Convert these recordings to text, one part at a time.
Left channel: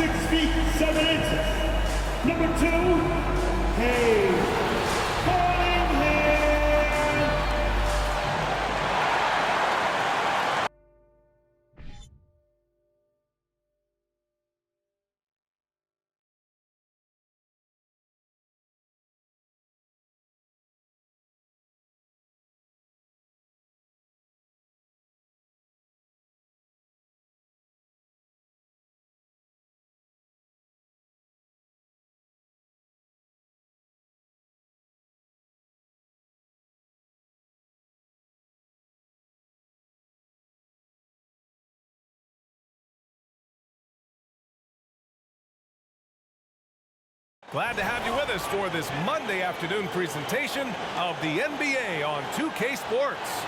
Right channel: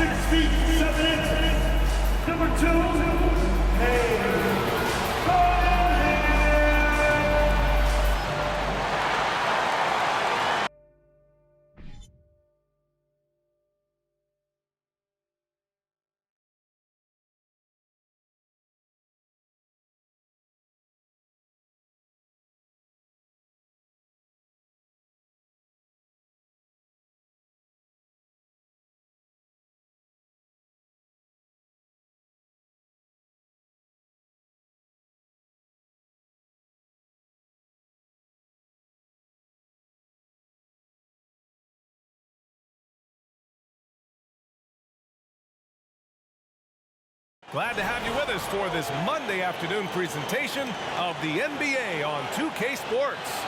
6 feet 7 inches. Number 2, Cunningham. Glad to have you with us for this Monday afternoon presentation of the NBA on 2K Sports.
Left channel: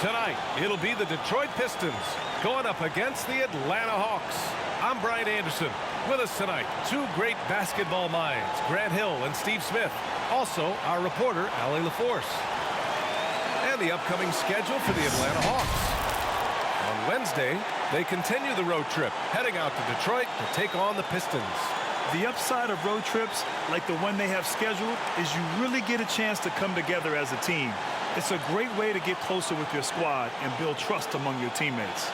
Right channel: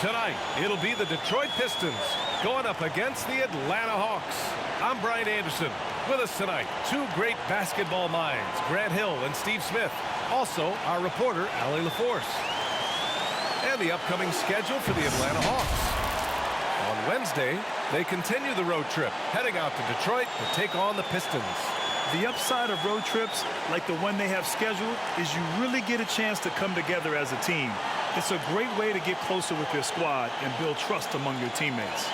Tonight, it'll be the Detroit Pistons going up against the Atlanta Hawks. I'm Brian Anderson. With us tonight, two great basketball minds, Grant Hill and Steve Smith. Also, our reporter, Allie LaForce. And the upcoming schedule for the Atlanta Hawks. On Wednesday, they continue the road trip, heading out to Detroit to take on the Pistons. The upside of road trips, like the one they have scheduled, is you really get a chance to come together as a team. It's a great way to get closer with your squad and build trust among your teammates.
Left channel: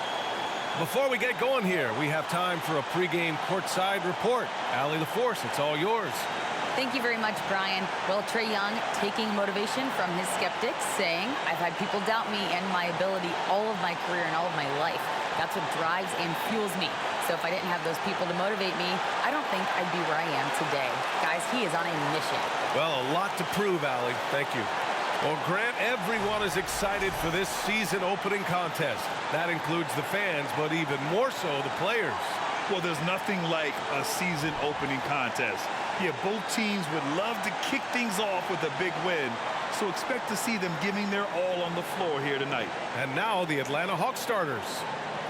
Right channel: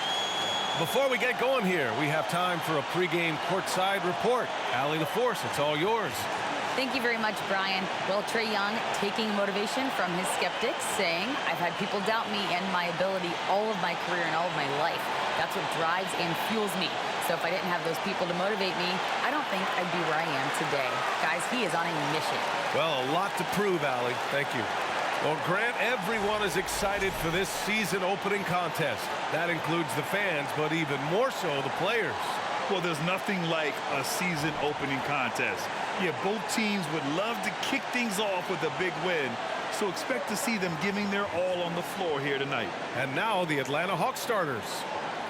Before we get going here, we have time for a pregame courtside report. Allie LaForce, it's all yours. Thank you very much, Brian. Well, Trae Young taking motivation from his skeptics, saying, I've had people doubt me and my ability all of my career and all of my life. That's what drives and fuels me. So if I didn't have those people to motivate me, I don't think I'd be where I am today. Guys, he is on a mission. Well, a lot to prove, Allie. Thank you. Well, Grant, everyone is excited for this season opening contest. That includes the fans, but even more so the players. Well, there's nothing like a season opening contest. Yeah, both teams would love to kick things off with a big win. So expect to see them giving their all on the floor here tonight. And now the Atlanta Hawks starters.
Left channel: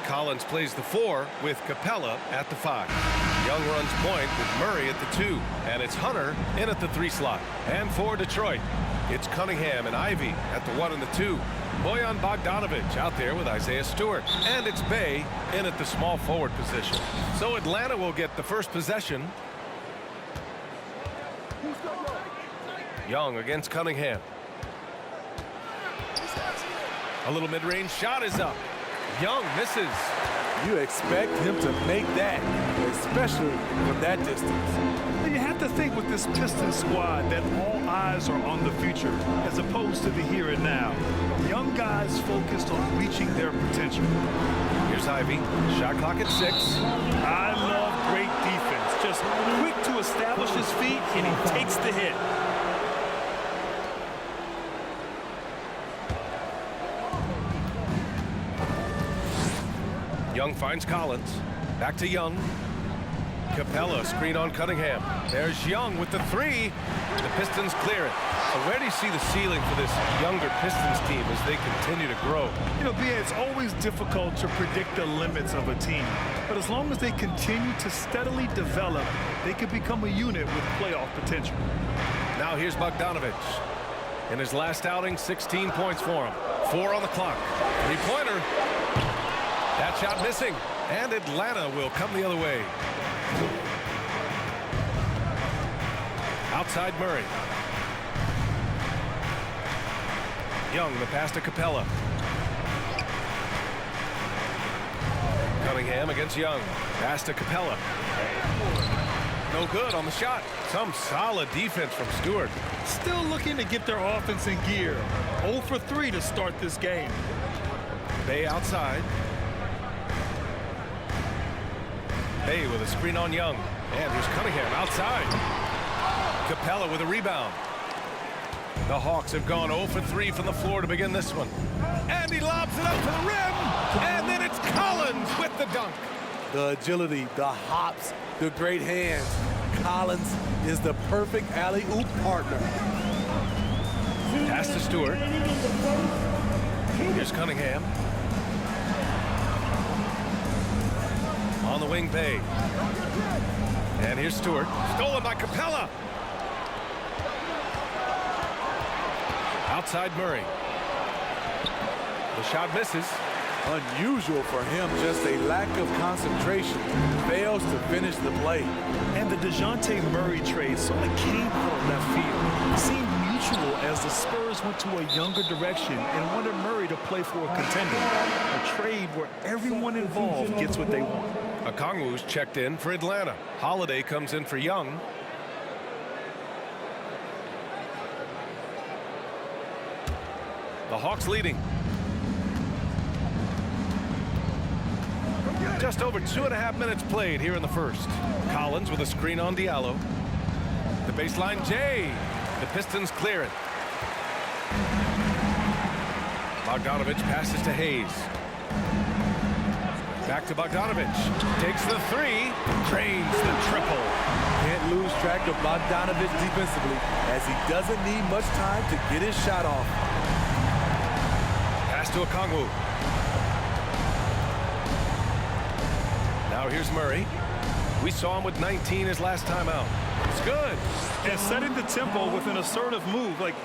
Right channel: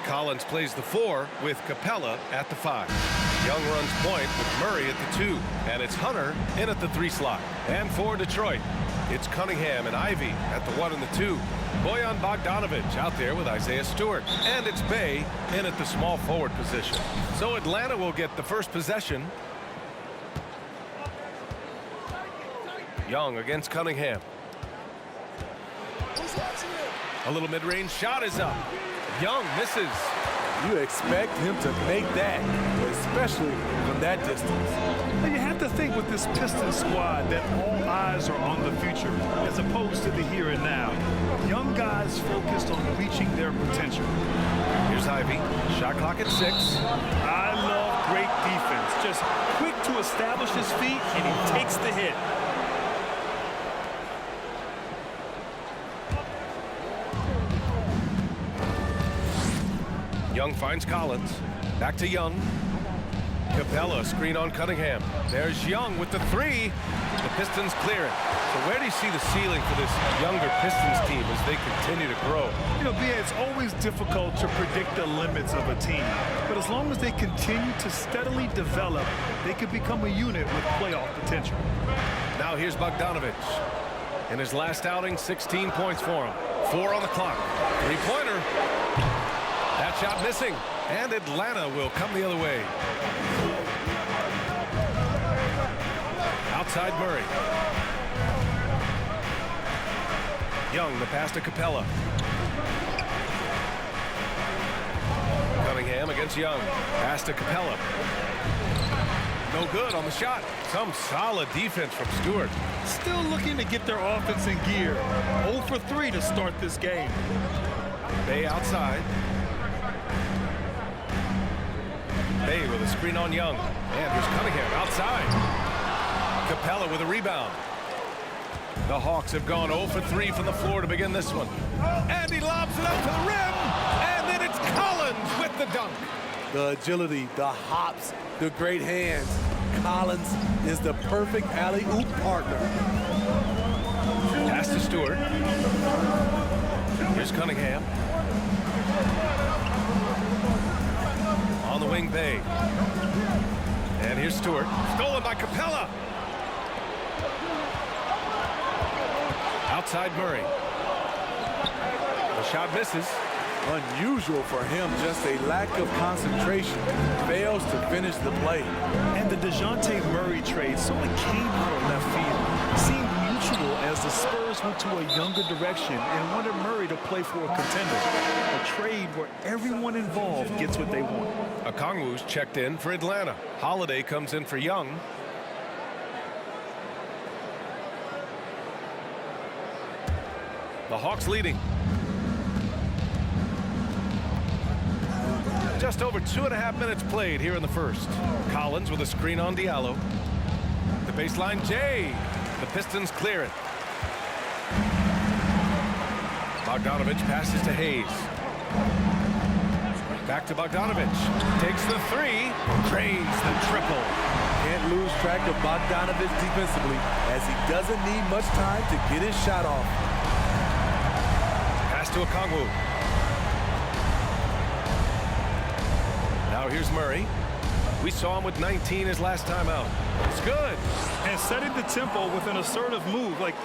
Collins plays the 4 with Capella at the 5. Young runs point with Murray at the 2. And it's Hunter in at the 3 slot. And for Detroit, it's Cunningham and Ivy at the 1 and the 2. Bojan Bogdanovic out there with Isaiah Stewart. And it's Bey in at the small forward position. So Atlanta will get the first possession. Young against Cunningham. A little mid-range shot is up. Young misses. You expect him to make that, especially from that distance. You have to think with this Pistons squad that all eyes are on the future as opposed to the here and now. Young guys focused on reaching their potential. Here's Ivy. Shot clock at 6. I love great defense. Just quick to establish his feet, and he takes the hit. Young finds Collins. Back to Young. Capella screen on Cunningham. There's Young with the 3. The Pistons clear it. So where do you see the ceiling for this younger Pistons team as they continue to grow? You know, Bia, it's always difficult to predict the limits of a team. But as long as they continue to steadily develop, they could become a unit with playoff potential. Now here's Bogdanovic. In his last outing, 16 points for him. 4 on the clock. 3-pointer. That shot missing. And Atlanta will come the other way. Outside Murray. Young, the pass to Capella. Cunningham against Young. Pass to Capella. No good on the shot. Some solid defense from Stewart. Still looking to get their offense in gear. 0 for 3 to start this game. Bey outside. Bey with a screen on Young. And here's Cunningham outside. Capella with a rebound. The Hawks have gone 0 for 3 from the floor to begin this one. And he lobs it up to the rim. And then it's Collins with the dunk. The agility, the hops, the great hands. Collins is the perfect alley-oop partner. Pass to Stewart. Here's Cunningham. On the wing, Bey. And here's Stewart. Stolen by Capella. Outside Murray. The shot misses. Unusual for him, just a lack of concentration. Fails to finish the play. And the DeJounte Murray trade sort of came out of left field. Seemed mutual as the Spurs went to a younger direction and wanted Murray to play for a contender. A trade where everyone involved gets what they want. Okongwu's checked in for Atlanta. Holiday comes in for Young. The Hawks leading. Just over 2.5 minutes played here in the first. Collins with a screen on Diallo. The baseline, Jay. The Pistons clear it. Bogdanovich passes to Hayes. Back to Bogdanovich. Takes the three. Drains the triple. Can't lose track of Bogdanovich defensively, as he doesn't need much time to get his shot off. Pass to Okongwu. Now here's Murray. We saw him with 19 his last time out. It's good. And setting the tempo with an assertive move. Like,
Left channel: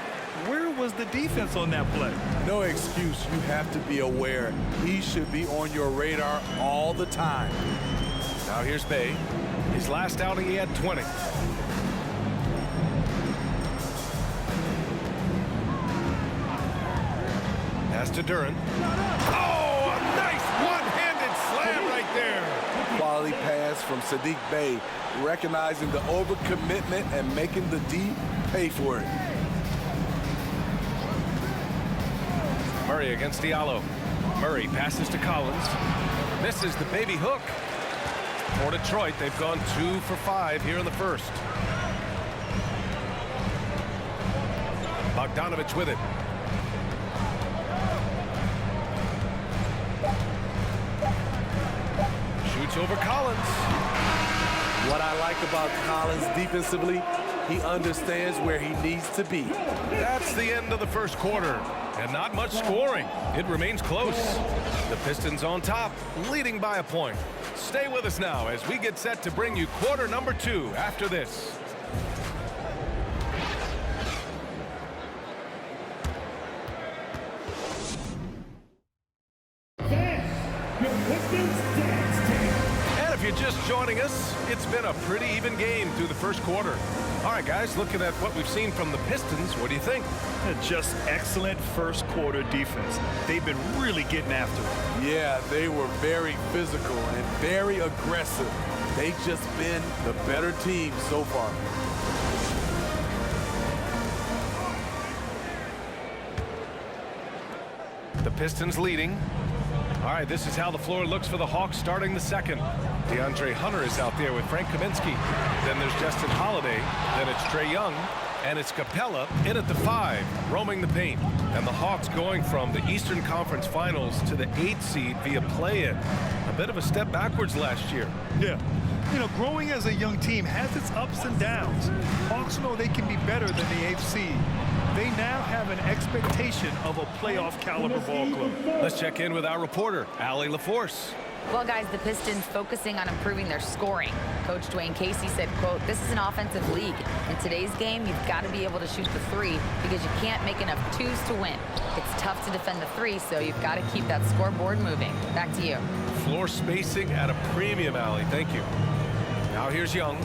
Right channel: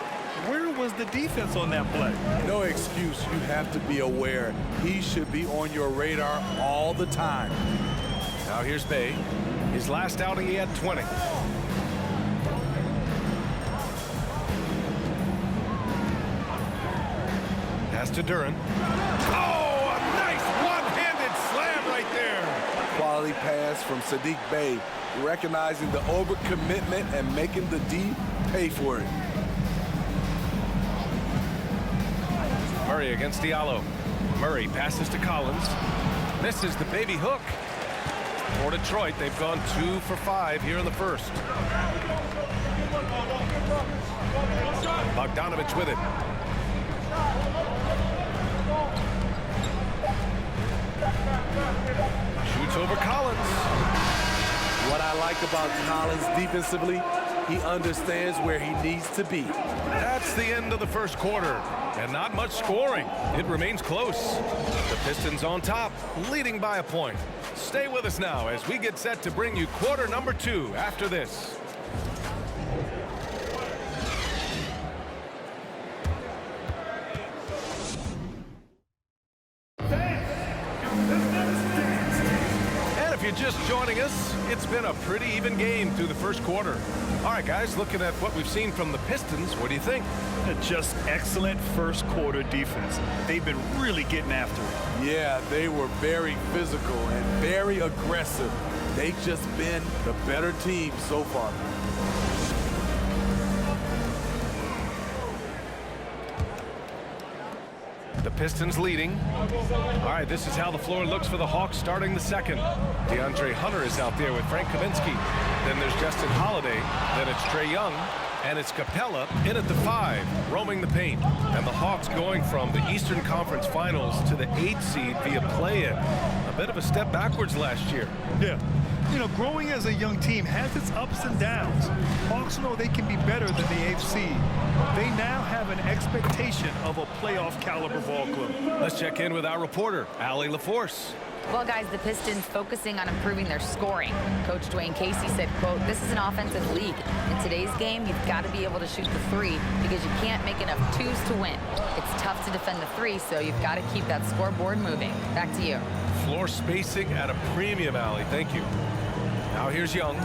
where was the defense on that play? No excuse. You have to be aware. He should be on your radar all the time. Now here's Bay. His last outing, he had 20. Pass to Duran. Oh, a nice one-handed slam right there. Quality pass from Sadiq Bey, recognizing the overcommitment and making the D pay for it. Murray against Diallo. Murray passes to Collins. Misses the baby hook. For Detroit, they've gone 2 for 5 here in the first. Bogdanovich with it. Shoots over Collins. What I like about Collins defensively, he understands where he needs to be. That's the end of the first quarter. And not much scoring. It remains close. The Pistons on top, leading by a point. Stay with us now as we get set to bring you quarter number 2 after this. And if you're just joining us, it's been a pretty even game through the first quarter. All right, guys, looking at what we've seen from the Pistons, what do you think? Just excellent first quarter defense. They've been really getting after it. Yeah, they were very physical and very aggressive. They've just been the better team so far. The Pistons leading. All right, this is how the floor looks for the Hawks starting the second. DeAndre Hunter is out there with Frank Kaminsky. Then there's Justin Holiday. Then it's Trae Young. And it's Capella in at the 5, roaming the paint. And the Hawks going from the Eastern Conference Finals to the 8th seed via play-in. A bit of a step backwards last year. Yeah. You know, growing as a young team has its ups and downs. Hawks know they can be better than the 8th seed. They now have an expectation of a playoff caliber ball club. Let's check in with our reporter, Allie LaForce. Well, guys, the Pistons focusing on improving their scoring. Coach Dwayne Casey said, quote, "This is an offensive league. In today's game, you've got to be able to shoot the 3 because you can't make enough 2s to win. It's tough to defend the 3, so you've got to keep that scoreboard moving." Back to you. Floor spacing at a premium, Allie. Thank you. Now here's Young.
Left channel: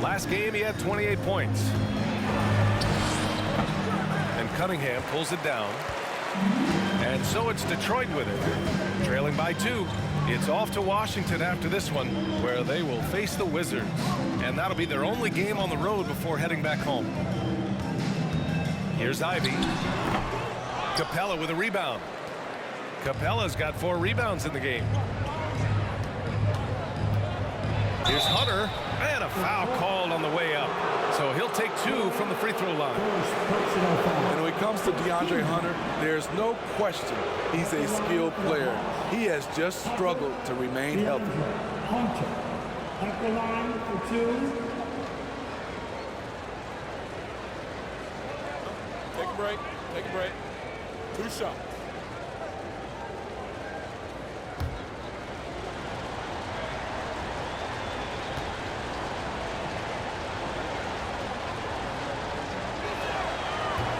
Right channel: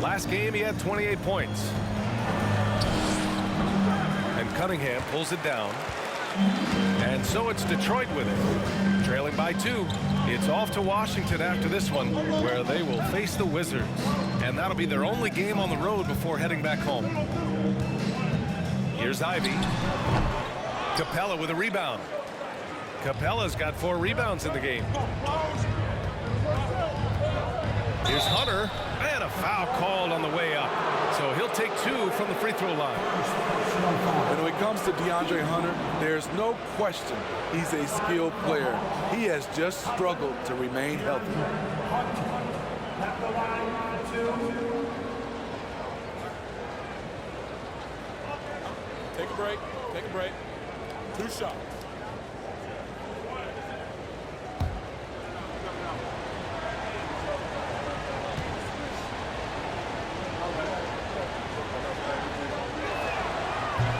Last game, he had 28 points. And Cunningham pulls it down. And so it's Detroit with it. Trailing by 2. It's off to Washington after this one, where they will face the Wizards. And that'll be their only game on the road before heading back home. Here's Ivy. Capella with a rebound. Capella's got 4 rebounds in the game. Here's Hunter, and a foul called on the way up. So he'll take 2 from the free throw line. And when it comes to DeAndre Hunter, there's no question he's a skilled player. He has just struggled to remain healthy. Hunter at the line for 2. Take a break. Take a break. 2 shots.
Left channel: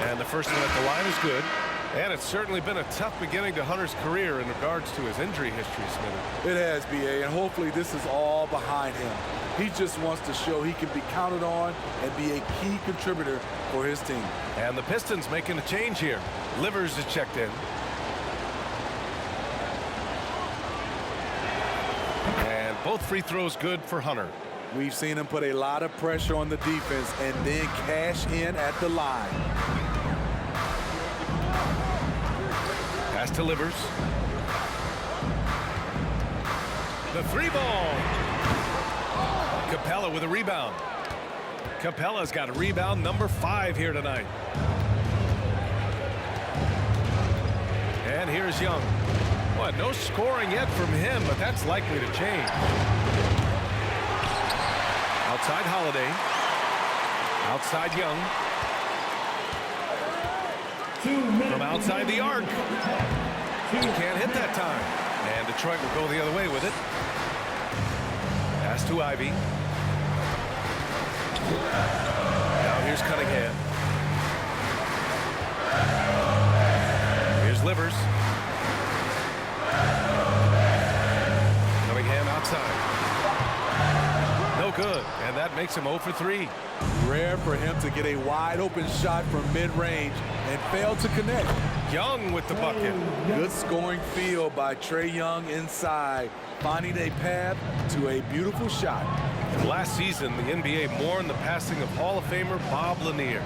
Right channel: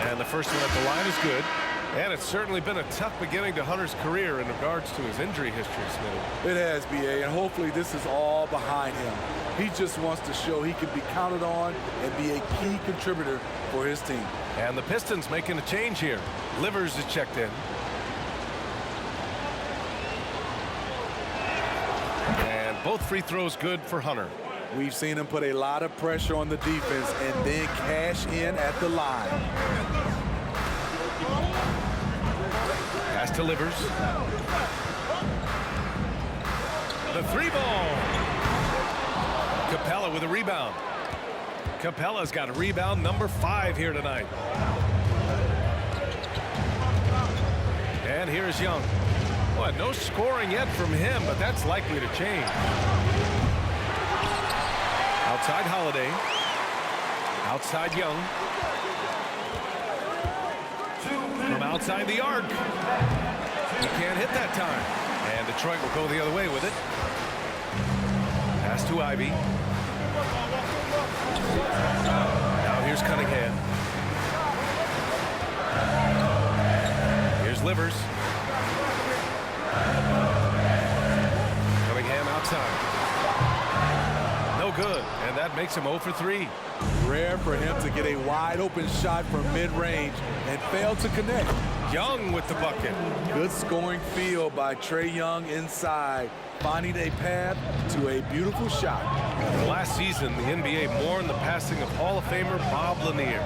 And the first one at the line is good. And it's certainly been a tough beginning to Hunter's career in regards to his injury history, Smitty. It has, B.A., and hopefully this is all behind him. He just wants to show he can be counted on and be a key contributor for his team. And the Pistons making a change here. Livers is checked in. And both free throws good for Hunter. We've seen him put a lot of pressure on the defense and then cash in at the line. Pass to Livers. The three ball. Capella with a rebound. Capella's got a rebound number 5 here tonight. And here's Young. Well, no scoring yet from him, but that's likely to change. Outside Holiday. Outside Young. From outside the arc. He can't hit that time. And Detroit will go the other way with it. Pass to Ivy. Now here's Cunningham. Here's Livers. Cunningham outside. No good, and that makes him 0 for 3. Rare for him to get a wide open shot from mid-range and fail to connect. Young with the bucket. Good scoring field by Trae Young inside, finding a path to a beautiful shot. And last season, the NBA mourned the passing of Hall of Famer Bob Lanier.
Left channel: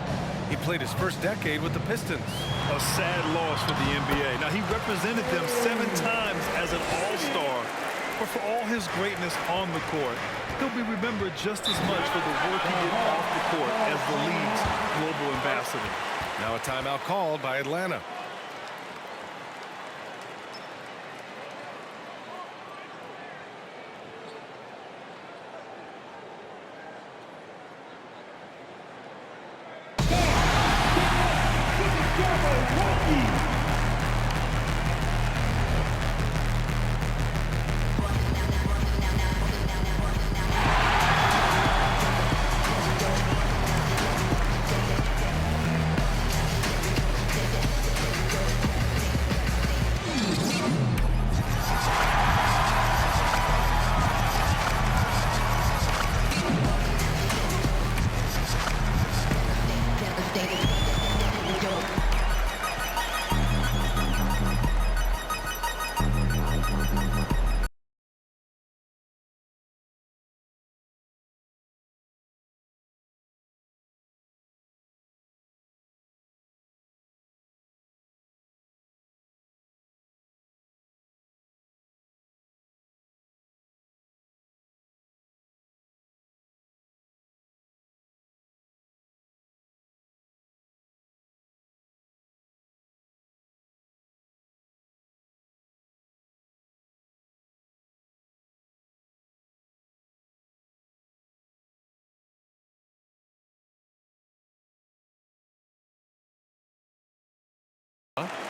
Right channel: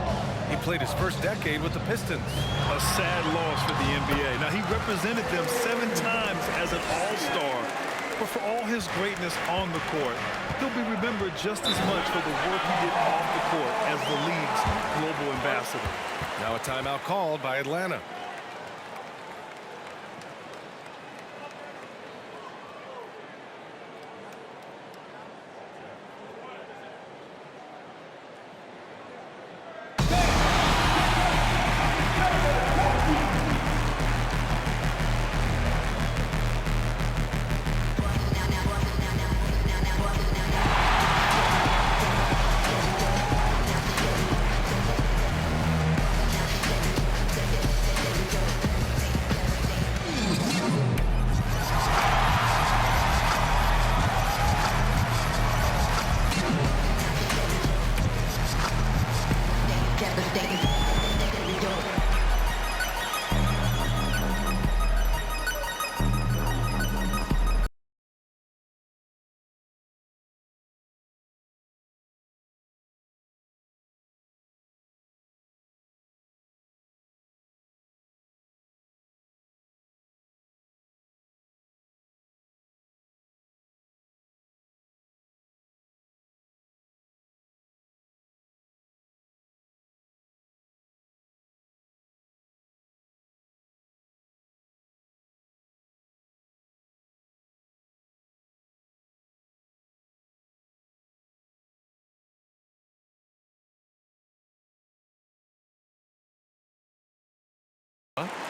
He played his first decade with the Pistons. A sad loss for the NBA. Now, he represented them 7 times as an all-star. But for all his greatness on the court, he'll be remembered just as much for the work he did off the court as the league's global ambassador. Now a timeout called by Atlanta.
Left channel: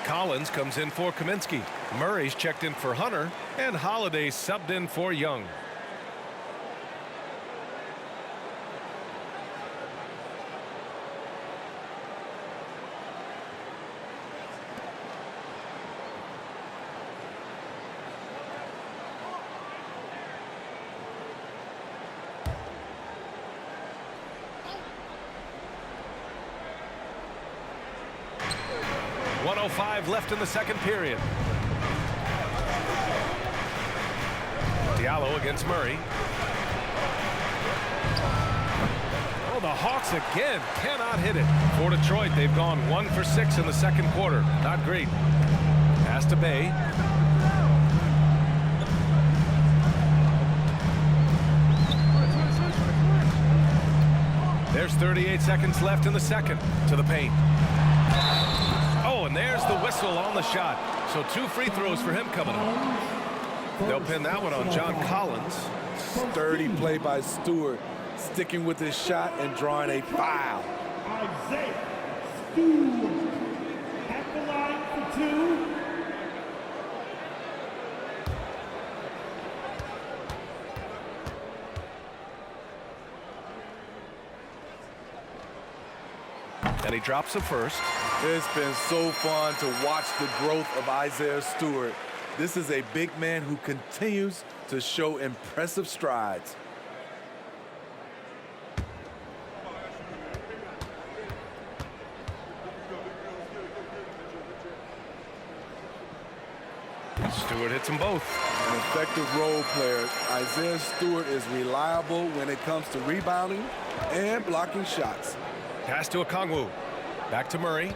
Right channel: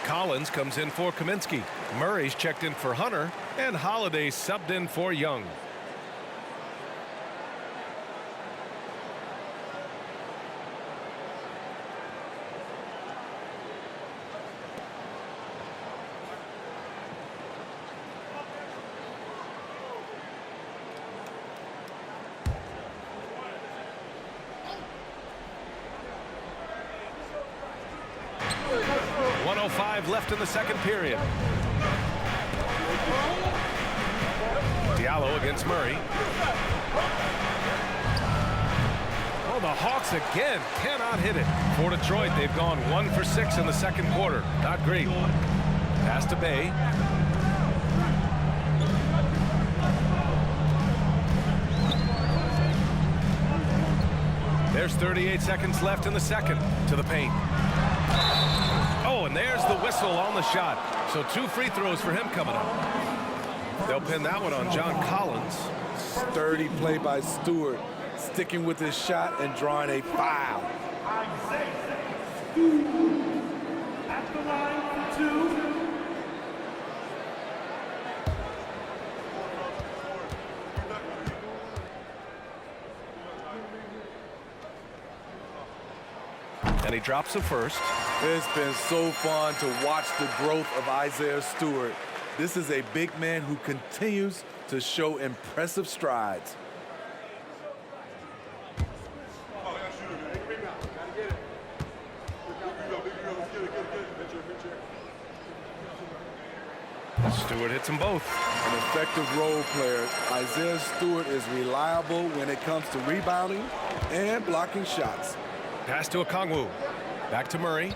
Collins comes in for Kaminsky. Murray's checked in for Hunter, and Holiday subbed in for Young. .105 left in the second period. Diallo against Murray. Oh, the Hawks again cannot hit it. For Detroit, they've gone 1 for 6 in the second quarter. Not great. Pass to Bay. There's 38 seconds left in the second. To the paint. Oh, and there's the whistle on the shot. So 2 free throws for him coming up. They'll pin that one on John Collins. Sturdy play by Stewart, sticking with his shot and drawing a foul. Isaiah Stewart at the line for 2. And he drops the first. It's been so fun to watch the growth of Isaiah Stewart. This is a big man who continues to show impressive strides. Stewart hits them both. An effective role player. Isaiah Stewart is reliable when it comes to rebounding and blocking shots. Pass to Okongwu. Back to Murray.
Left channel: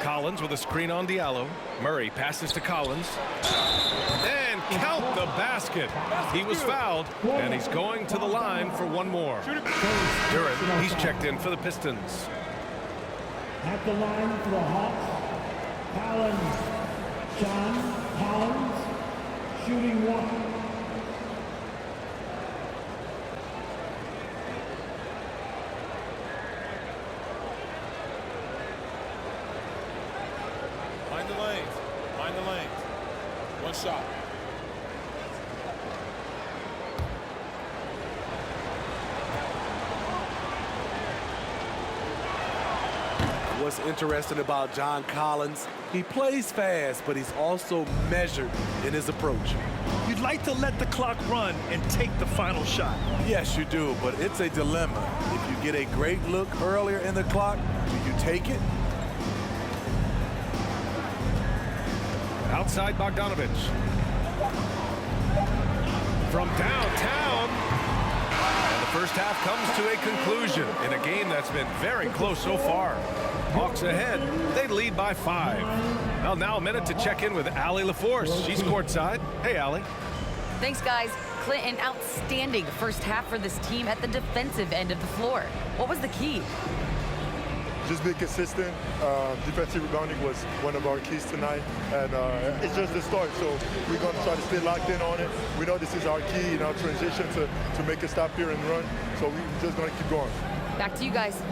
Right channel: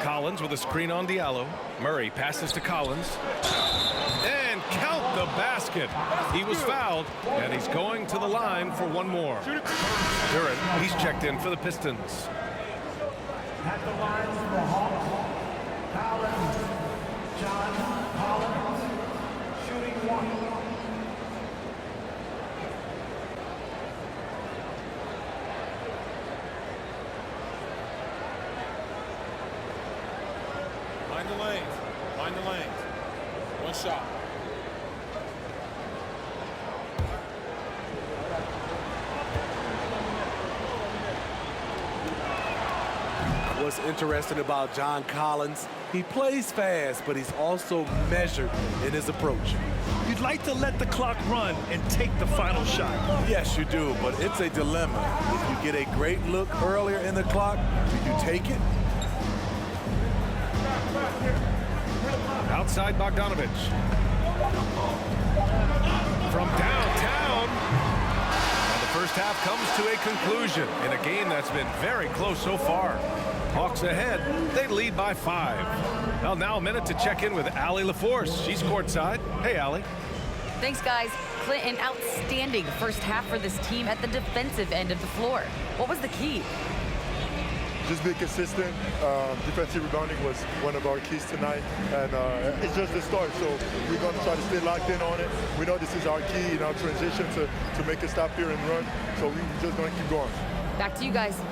Collins with a screen on Diallo. Murray passes to Collins. And count the basket. He was fouled, and he's going to the line for one more. Duren, he's checked in for the Pistons. At the line for the Hawks, Collins. John Collins, shooting one. Mind the lanes. Mind the lanes. One shot. What's interesting about John Collins, he plays fast, but he's also measured in his approach. You'd like to let the clock run and take the final shot. Yes, you do, but it's a dilemma. If you get a great look earlier in the clock, do you take it? Outside Bogdanovich. From downtown. And the first half comes to a conclusion in a game that's been very close so far. Hawks ahead. They lead by 5. Well, now a minute to check in with Allie LaForce. She's courtside. Hey, Allie. Thanks, guys. Clint, an outstanding first half for this team at the defensive end of the floor. What was the key? Just be consistent. Defensive rebounding was one of our keys tonight, and it's just the start. So we're going to try to stay locked in on it. We know this is our key in our transition to make a stop here and run. So we're just going to keep going. Back to you guys.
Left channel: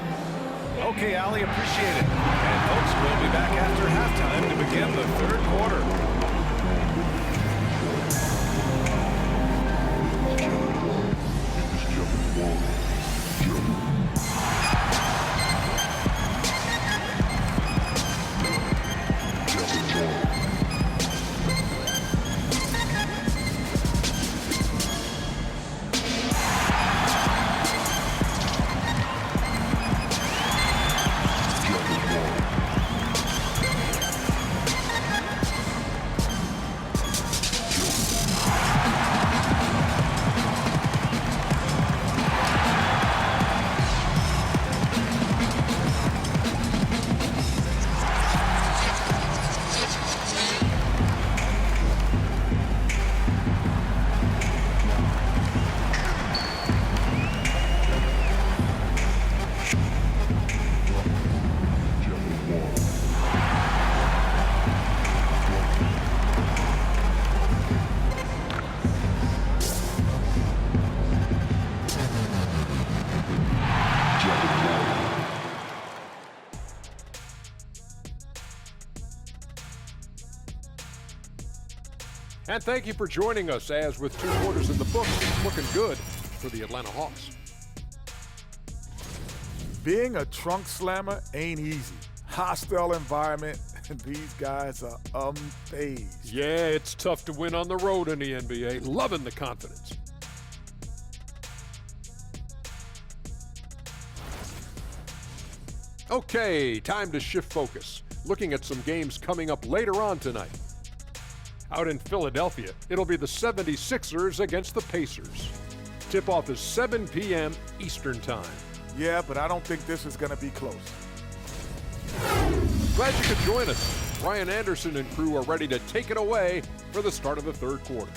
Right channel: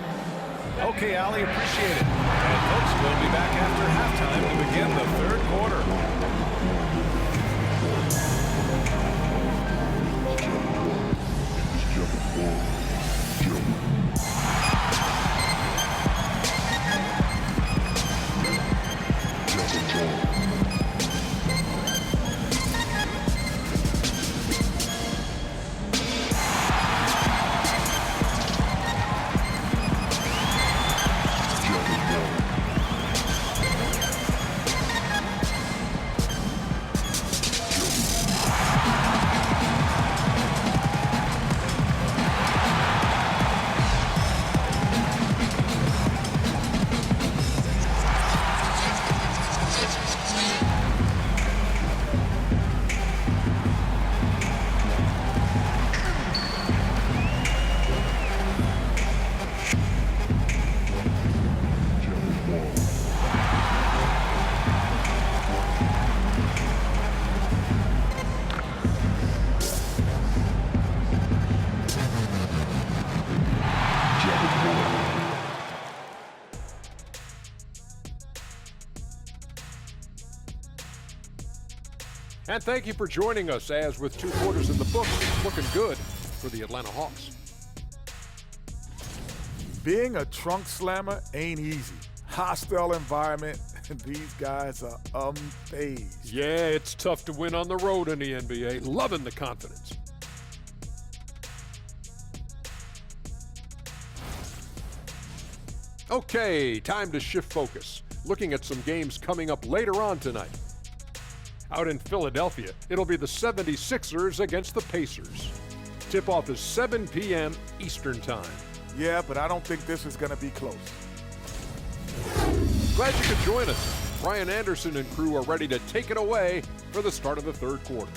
Okay, Allie, appreciate it. And folks, we'll be back after halftime to begin the third quarter. And thank you for joining us as with 2 quarters in the books, it's looking good for the Atlanta Hawks. Being a trunk slammer ain't easy. Hostile environment, and these guys are unfazed. Yeah, it's tough to win on the road in the NBA. Loving the confidence. Okay, time to shift focus. Looking at some games coming up later on tonight. Out in Philadelphia, it'll be the 76ers against the Pacers. Tip-off is 7 p.m. Eastern Time. Yeah, but I don't think this is going to be close. Glad you could join us. Ryan Anderson and crew are ready to take it away for the start of the third quarter.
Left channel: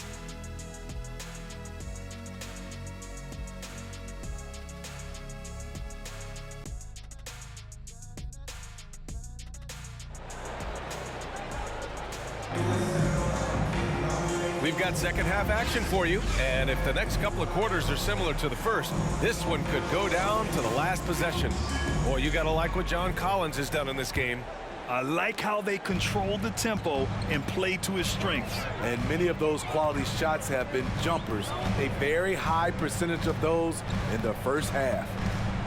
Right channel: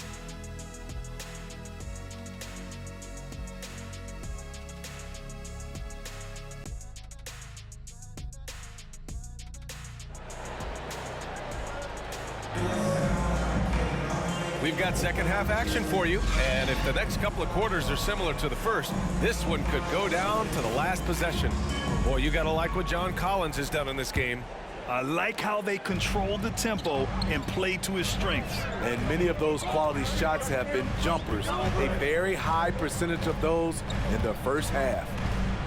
We've got second half action for you, and if the next couple of quarters are similar to the first, this one could go down to the last possession. Boy, you gotta like what John Collins has done in this game. I like how they control the tempo and play to his strengths. And many of those quality shots have been jumpers. A very high percentage of those in the first half.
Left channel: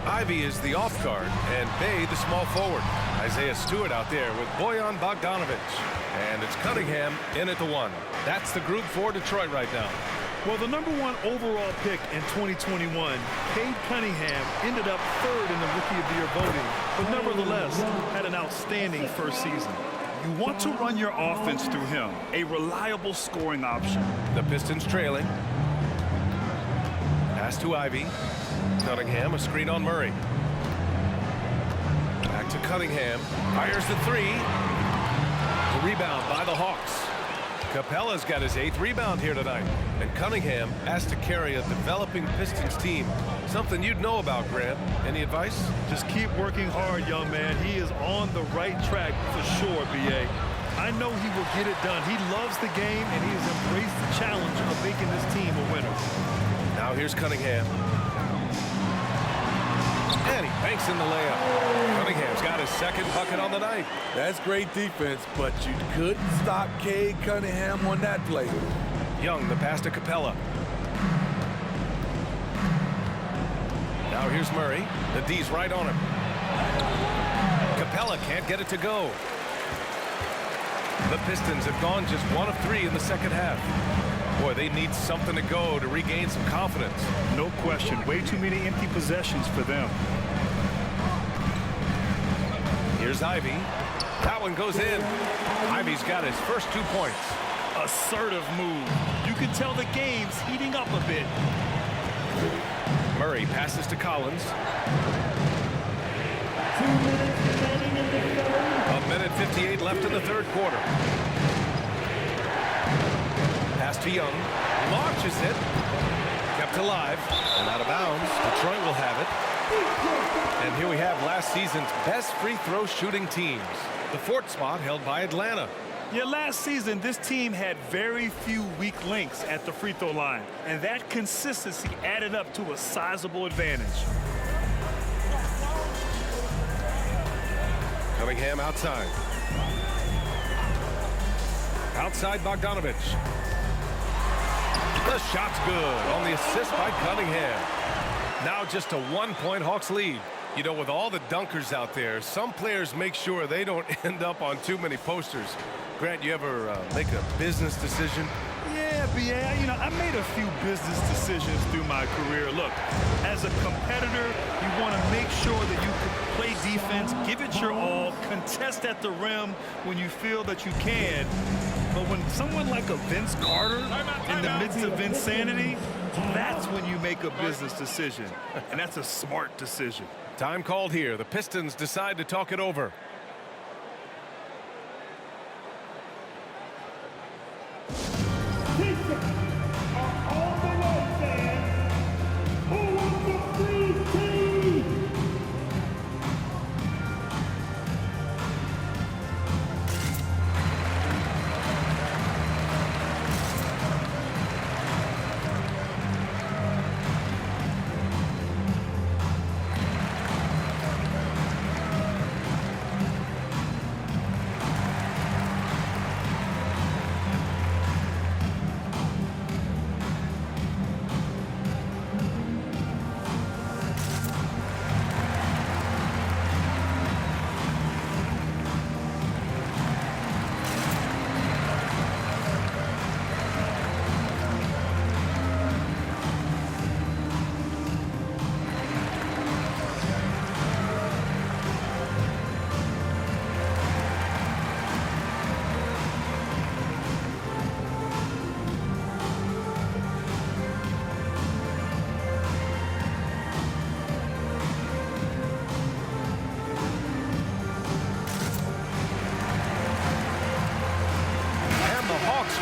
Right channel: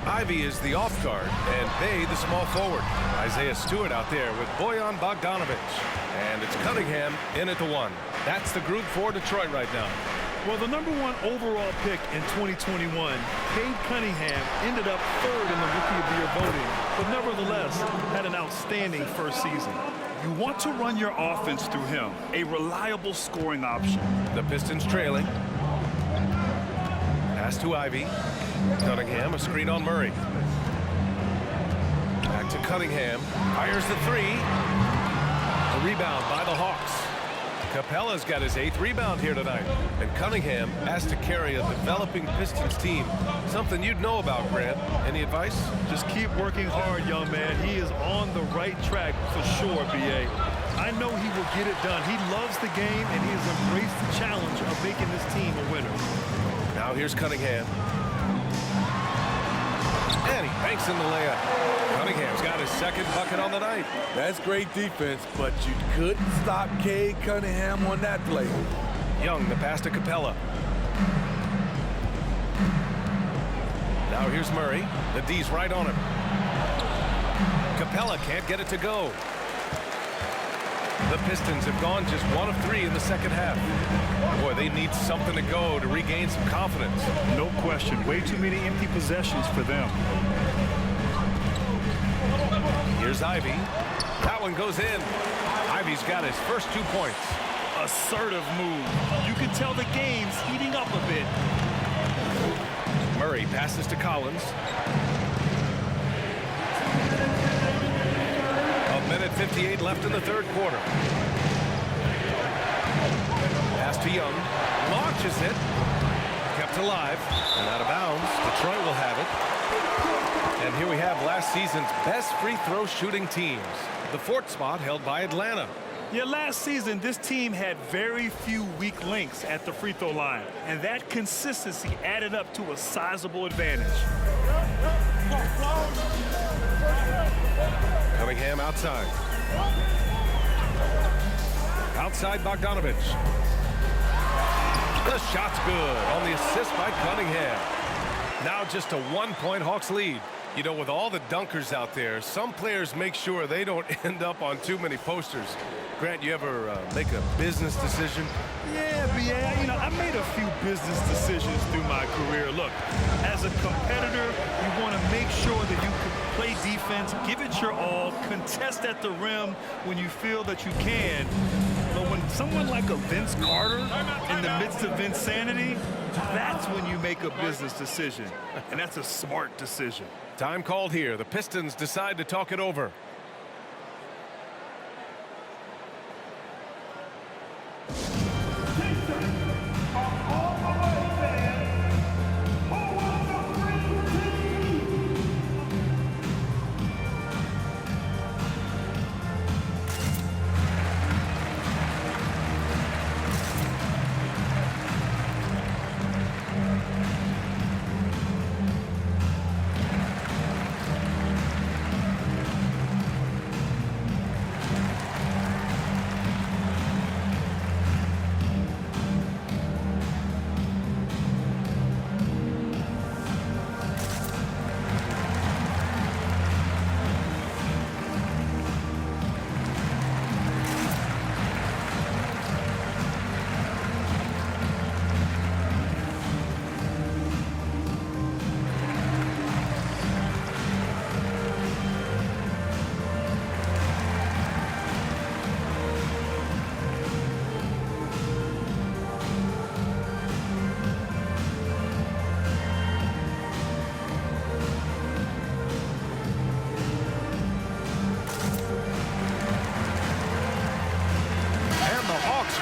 Ivy is the off guard, and Bay the small forward. Isaiah Stewart out there with Bojan Bogdanovic. And it's Cunningham in at the 1. That's the group for Detroit right now. Well, the #1 overall pick in 2021, Cade Cunningham, ended up 3rd in the Rookie of the Year voting, but nevertheless had an outstanding first season. You want to run your offense through him, a reliable scoring option. The Pistons trailing. Pass to Ivy. Cunningham, a screen on Murray. Back to Cunningham. Fires the 3. The rebound by the Hawks. Capella's got his 8th rebound here tonight. And Cunningham has to carry a developing Pistons team. Something you'd know about, Grant. Any advice? Just keep working hard, young man. He is on the right track for sure, B.A. I know he will get it done. He loves the game, and he has embraced the challenge of making this team a winner. Now here's Cunningham. And he banks in the layup. Cunningham's got his 2nd bucket on the night. That's great defense, but you couldn't stop Cade Cunningham on that play. Young, the pass to Capella. Now here's Murray. The D's right on him. Capella can't get it to go. The Pistons have gone just 1 of 3 in the second half. Boy, they need something to go to regain some confidence. No question. Way too many empty possessions for them. Here's Ivy. That one goes in. Ivy's got his first 2 points. Assertive move. You can tell the game's heating up a bit. Murray passes to Collins. 1:58 left in the 3rd quarter. Pass to Young. Launches it. Kept alive and out of bounds. Detroit will have it. And here we have last season's best free throw shooting teams. The 4th spot held by Atlanta. Yeah, last season, this team had very few weak links at the free throw line, and that consistency added up to a sizable advantage. Cunningham outside. Outside Bogdanovic. The shot's good on the assist by Cunningham. Now just a 1-point Hawks lead. You know, with all the dunkers out there, some players make sure they don't end up on too many posters. Grant, you ever make a business decision? Yeah, B.A., you know, I made a few business decisions through my career. Look, as a competitor, you want to make sure that you can play defense, give it your all, contest at the rim when you feel that you can. But when someone like a Vince Carter in the midst of insanity, that's when you make a business decision. And that's a smart decision. Time called here. The Pistons decide to talk it over. Pistons are on the way, fans. Who wants a free team?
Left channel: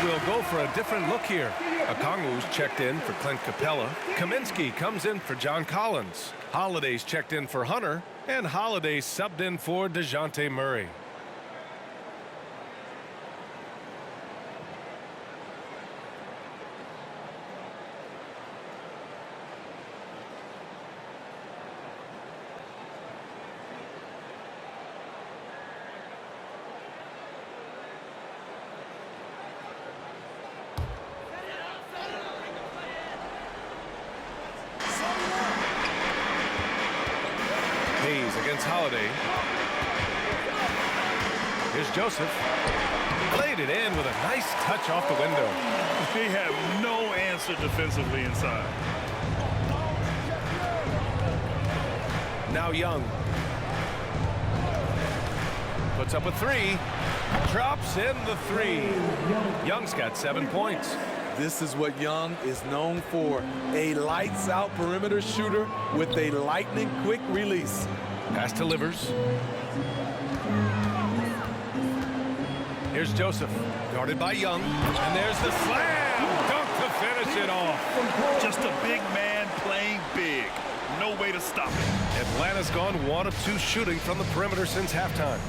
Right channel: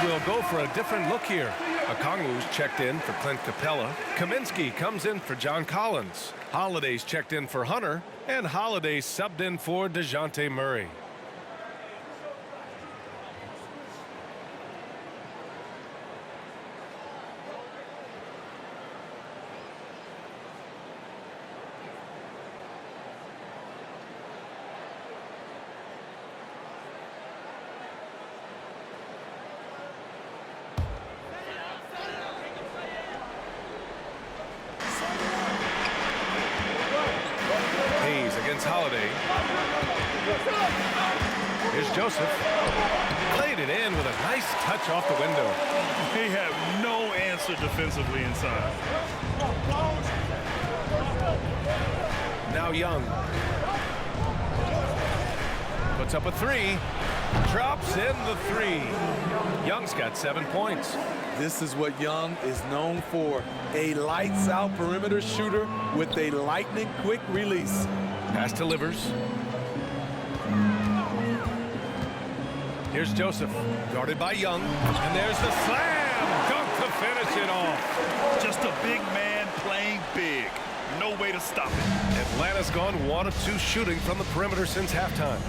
Will go for a different look here. Okongwu's checked in for Clint Capella. Kaminsky comes in for John Collins. Holiday's checked in for Hunter. And Holiday subbed in for DeJounte Murray. Hayes against Holiday. Here's Joseph. Laid it in with a nice touch off the window. They have no answer defensively inside. Now Young. Puts up a three. Drops in the three. Young's got 7 points. This is what Young is known for, a lights-out perimeter shooter with a lightning-quick release. Pass delivers. Here's Joseph, guarded by Young, and there's the slam dunk to finish it off. Just a big man playing big. No way to stop it. Atlanta's gone 1 of 2 shooting from the perimeter since halftime.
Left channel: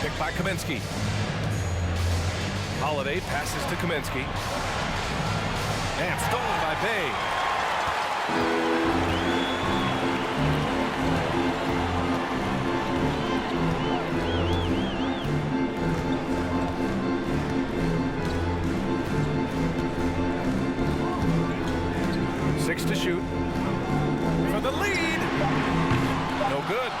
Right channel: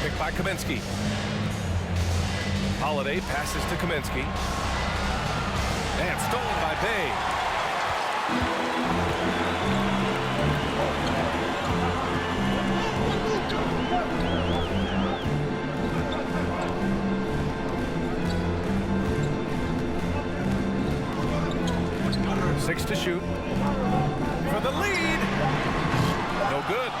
Picked by Kaminsky. Holiday passes to Kaminsky. And stolen by Bay. Six to shoot. For the lead. No good.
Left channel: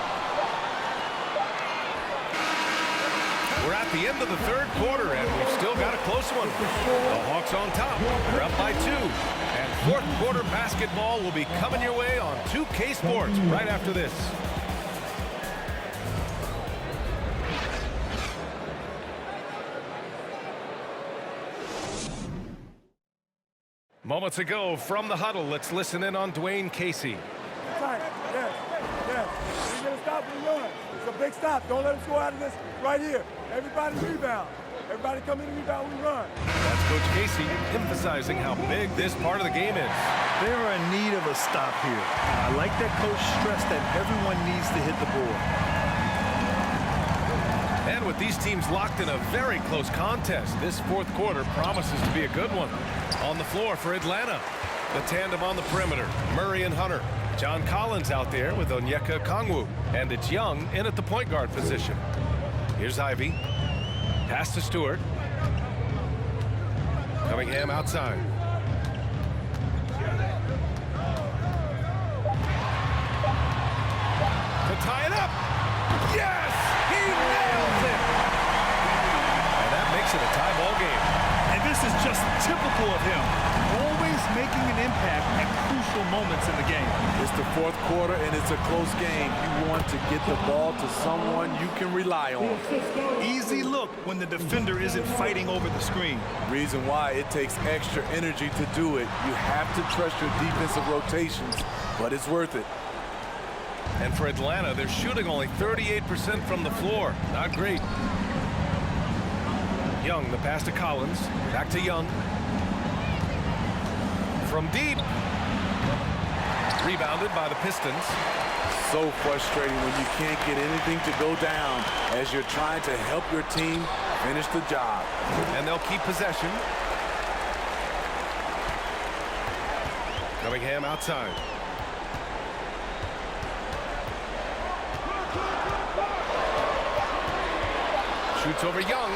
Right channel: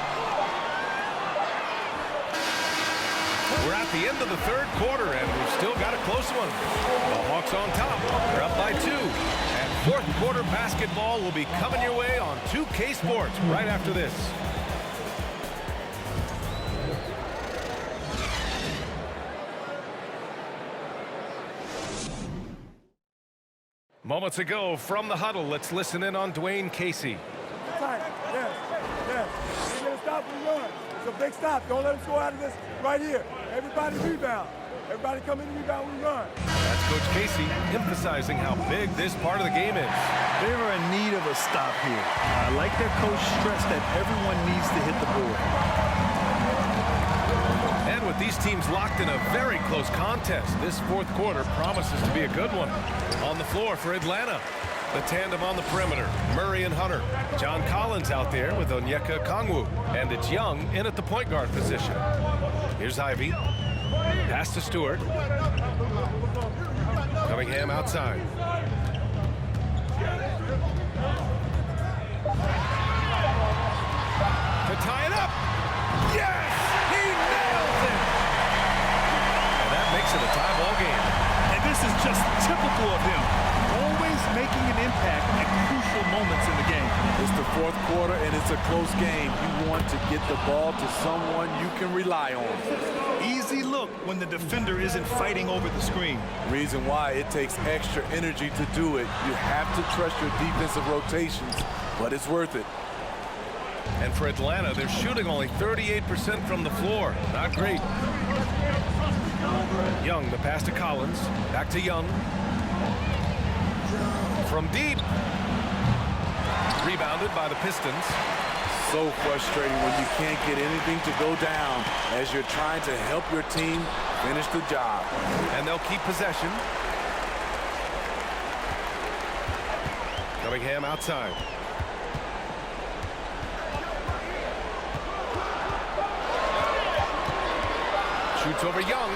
We're at the end of the third quarter, and we've still got a close one. The Hawks on top. They're up by 2. And fourth quarter basketball will be coming your way on 2K Sports right after this. Moments ago from the huddle, let's listen in on Dwayne Casey. Yes, yes. We're going to stop and run. It's a big stop. Don't let them score out of this right here. Everybody rebound. Everybody come in and rebound, we run. That's Coach Casey emphasizing how big this part of the game is. They are in need of a stop here. I like that coach stressed that everyone needs to hit the board. And with these teams locked in a very close contest, this fourth quarter promises to be a good one. On the floor for Atlanta, the tandem on the perimeter, Murray and Hunter. John Collins out there with Onyeka Okongwu, and it's Young in at the point guard position. Here's Ivy. Pass to Stewart. Cunningham outside. To tie it up. Yes! He nails it! And that makes it a tie ball game. And this is just typical of him. Always making an impact at crucial moments in the game. It's the fourth quarter, and it's a close game. You want to get the ball to someone you can rely on. Easy look when the defender isn't fighting over the screen. Reason why it takes extra energy to do it. You have to trust your defensive rotations, but it's worth it. And for Atlanta, they're shooting only 38% from the floor. Not great. Young, the pass to Collins. Back to Young. From deep. Rebounded by the Pistons. So frustrating when you can't get anything to go down as you're trying to help your team finish the job. And they'll keep possession. Cunningham outside. Shoots over Young.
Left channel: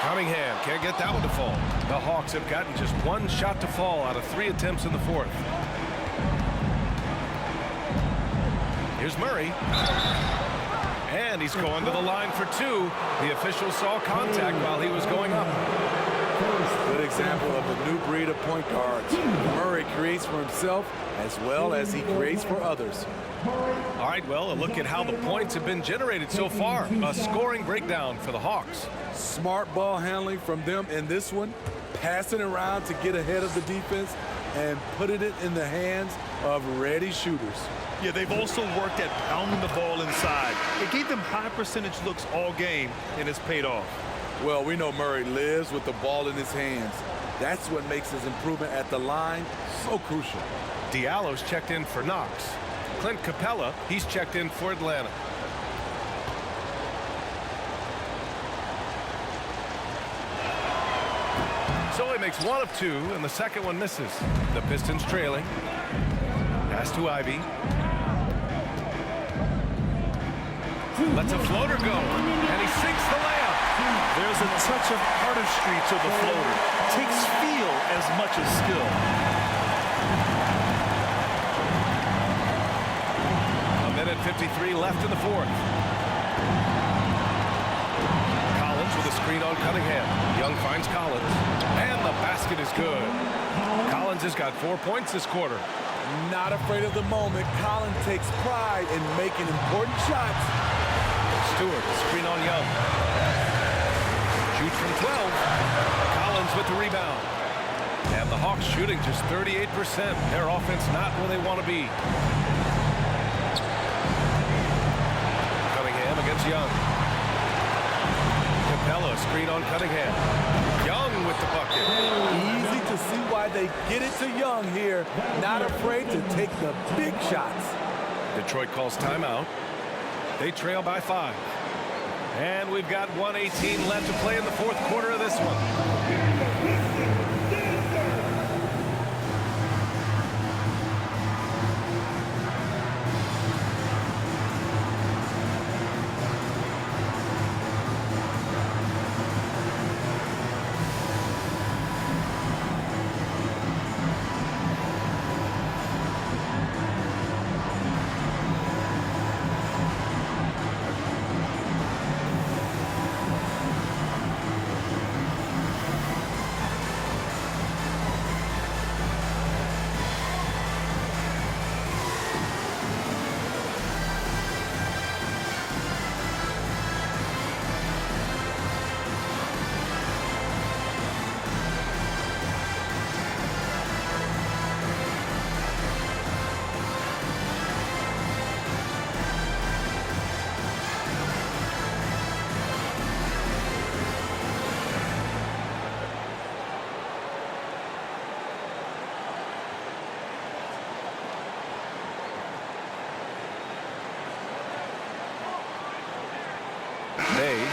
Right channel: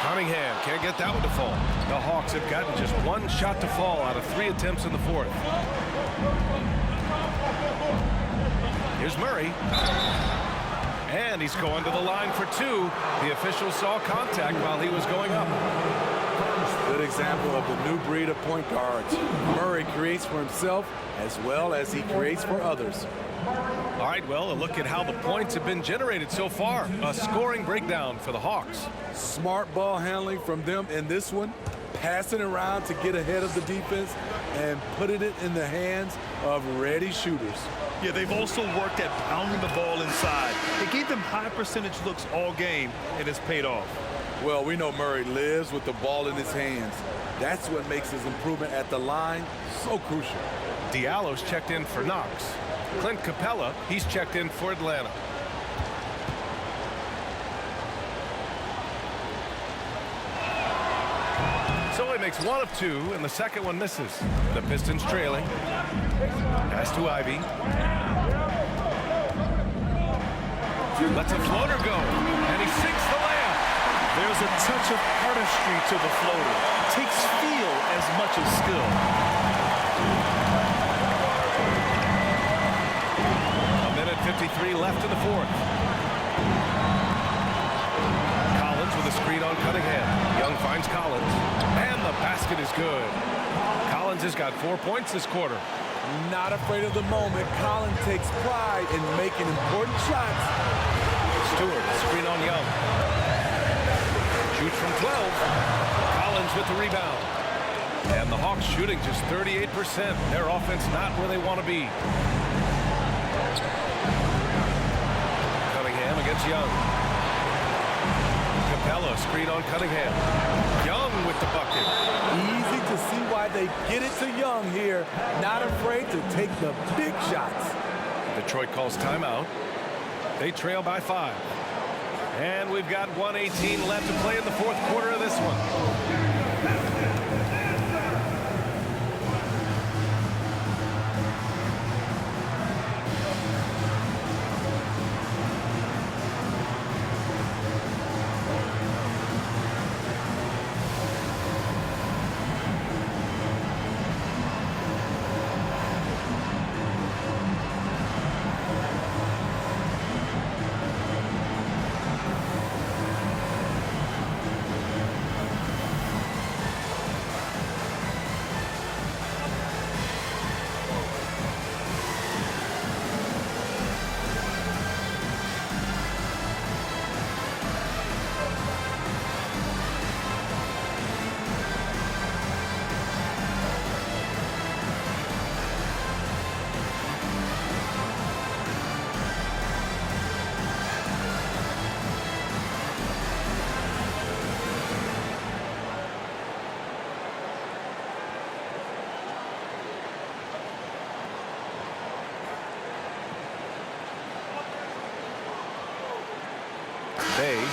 Cunningham can't get that one to fall. The Hawks have gotten just 1 shot to fall out of 3 attempts in the fourth. Here's Murray. And he's going to the line for 2. The official saw contact while he was going up. Good example of the new breed of point guards. Murray creates for himself as well as he creates for others. All right, well, a look at how the points have been generated so far. A scoring breakdown for the Hawks. Smart ball handling from them in this one, passing around to get ahead of the defense and putting it in the hands of ready shooters. Yeah, they've also worked at pounding the ball inside. It gave them high percentage looks all game, and it's paid off. Well, we know Murray lives with the ball in his hands. That's what makes his improvement at the line so crucial. Diallo's checked in for Knox. Clint Capella, he's checked in for Atlanta. So he makes 1 of 2, and the second one misses. The Pistons trailing. Pass to Ivy. Lets a floater go, and he sinks the layup. There's a touch of artistry to the floater. Takes feel as much as skill. Minute 53 left in the fourth. Collins with a screen on Cunningham. Young finds Collins. And the basket is good. Collins has got 4 points this quarter. Not afraid of the moment. Collins takes pride in making important shots. Stewart, screen on Young. Shoots from 12. Collins with the rebound. And the Hawks shooting just 38%. Their offense not where they want to be. Cunningham against Young. Capella, screen on Cunningham. Young with the bucket. Easy to see why they get it to Young here. Not afraid to take the big shots. Detroit calls timeout. They trail by 5. And we've got 1:18 left to play in the fourth quarter of this one.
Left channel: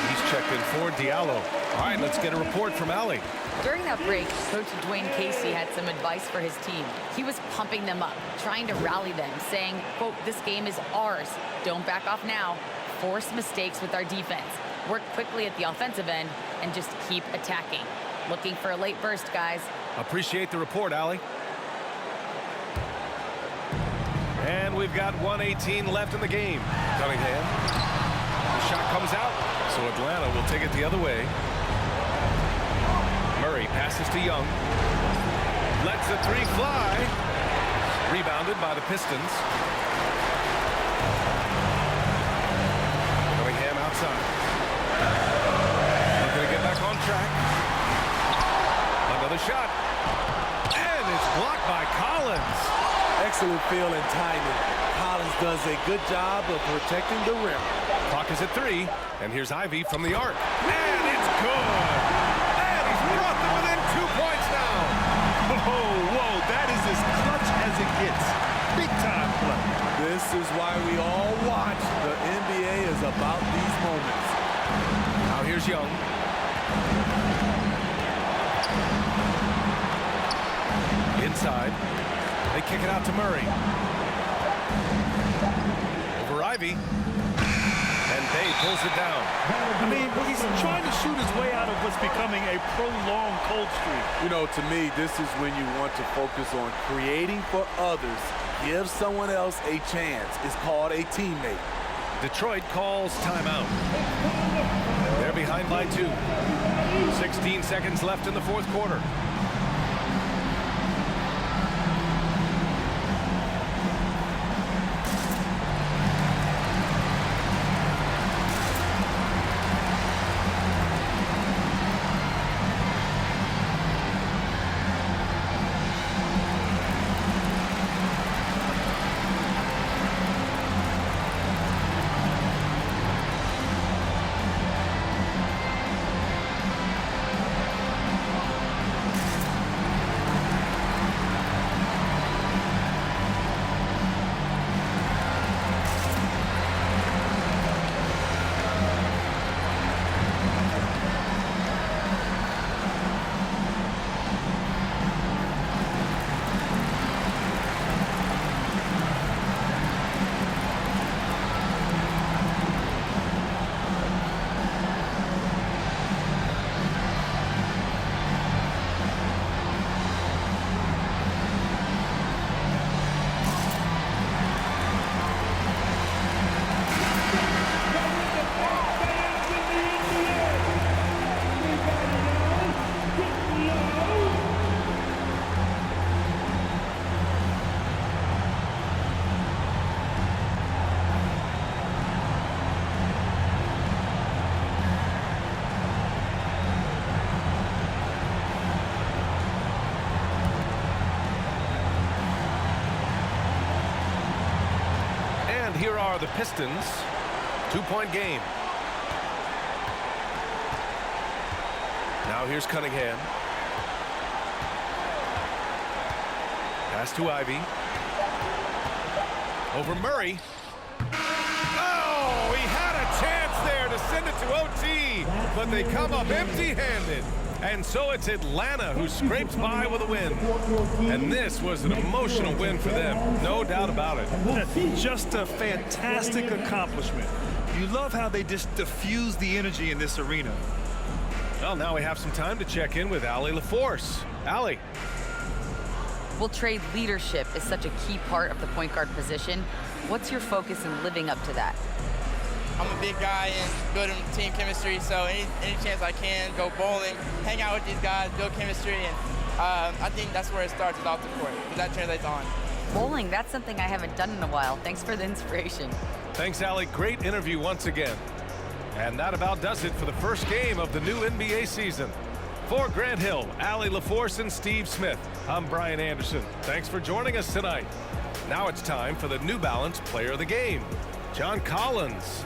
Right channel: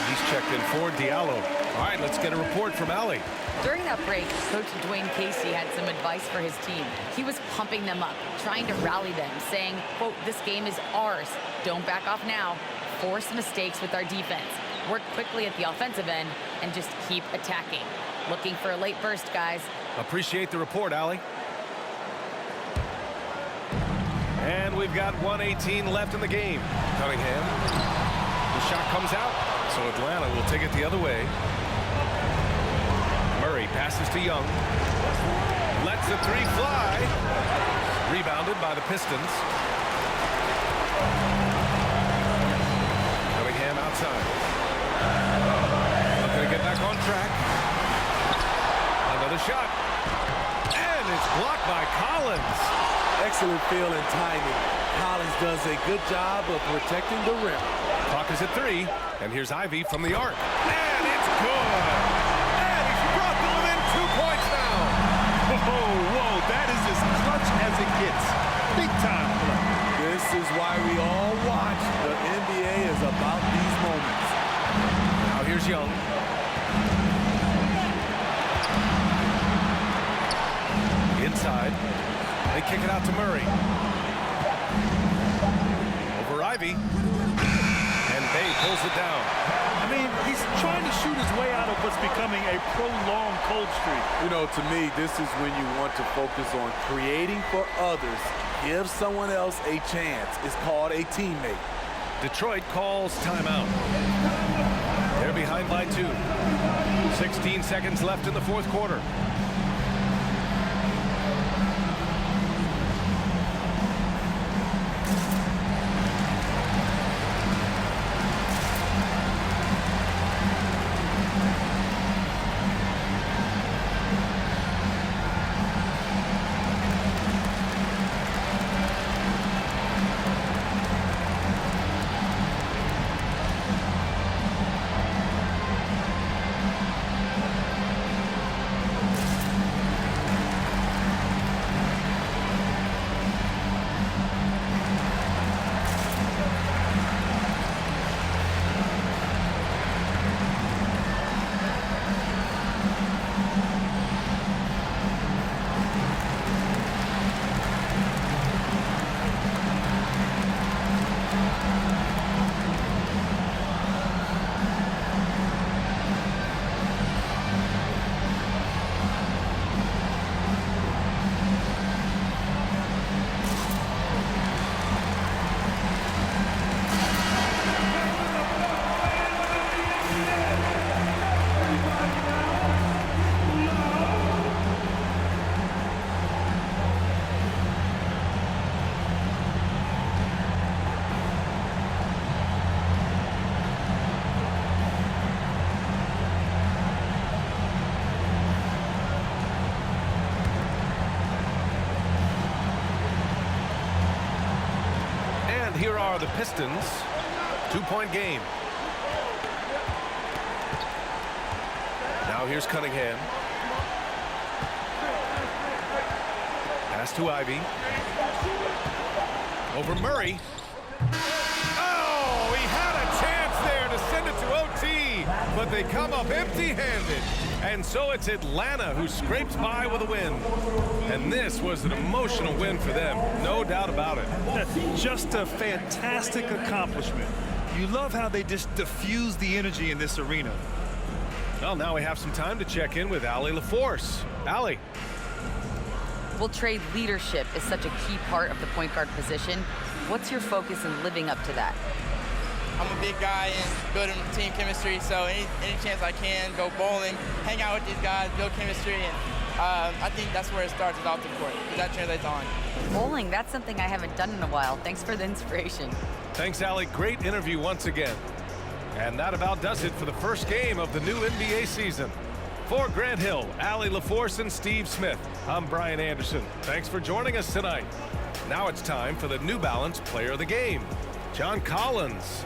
He's checked in for Diallo. All right, let's get a report from Allie. During that break, Coach Dwayne Casey had some advice for his team. He was pumping them up, trying to rally them, saying, quote, "This game is ours. Don't back off now. Force mistakes with our defense. Work quickly at the offensive end and just keep attacking." Looking for a late burst, guys. Appreciate the report, Allie. And we've got 1:18 left in the game. Cunningham. The shot comes out, so Atlanta will take it the other way. Murray passes to Young. Lets the three fly. Rebounded by the Pistons. Cunningham outside. Looking to get back on track. Another shot. And it's blocked by Collins. Excellent feel and timing. Collins does a good job of protecting the rim. Clock is at 3, and here's Ivy from the arc. And it's good. And he's brought them within 2 points now. Whoa, that is as clutch as it gets. Big time play. This is why we all watch. The NBA is about these moments. Now here's Young. Inside. They kick it out to Murray. Over Ivy. And Bay pulls it down. I mean, he's trying to shoot his way out of what's becoming a prolonged cold streak. You know, to me, this is when you want to focus on creating for others. Give someone else a chance. It's called a teammate. Detroit calls timeout. They're behind by 2. 16 seconds left in the fourth quarter. And here are the Pistons. 2-point game. Now here's Cunningham. Pass to Ivy. Over Murray. Oh, he had a chance there to send it to OT, but they come up empty-handed. And so it's Atlanta who scrapes by with a win. And this was an emotional win for them, no doubt about it. Just a fantastic accomplishment. You love how they just diffuse the energy in this arena. Well, now we have some time to check in with Allie LaForce. Allie. Well, Trey, leadership is such a key part of the point guard position. What's your focus in living up to that? I'm a big guy and building team chemistry, so any chance I can, go bowling, hang out with these guys, build chemistry, and I think that's where it starts, is off the court, because that translates on. Bowling, that's something I haven't done in a while. Thanks for the inspiration. Thanks, Allie. Great interview once again. And that about does it for the first game of the new NBA season. For Grant Hill, Allie LaForce, and Steve Smith, I'm Brian Anderson. Thanks for joining us tonight. Now it's time for the New Balance Player of the Game, John Collins.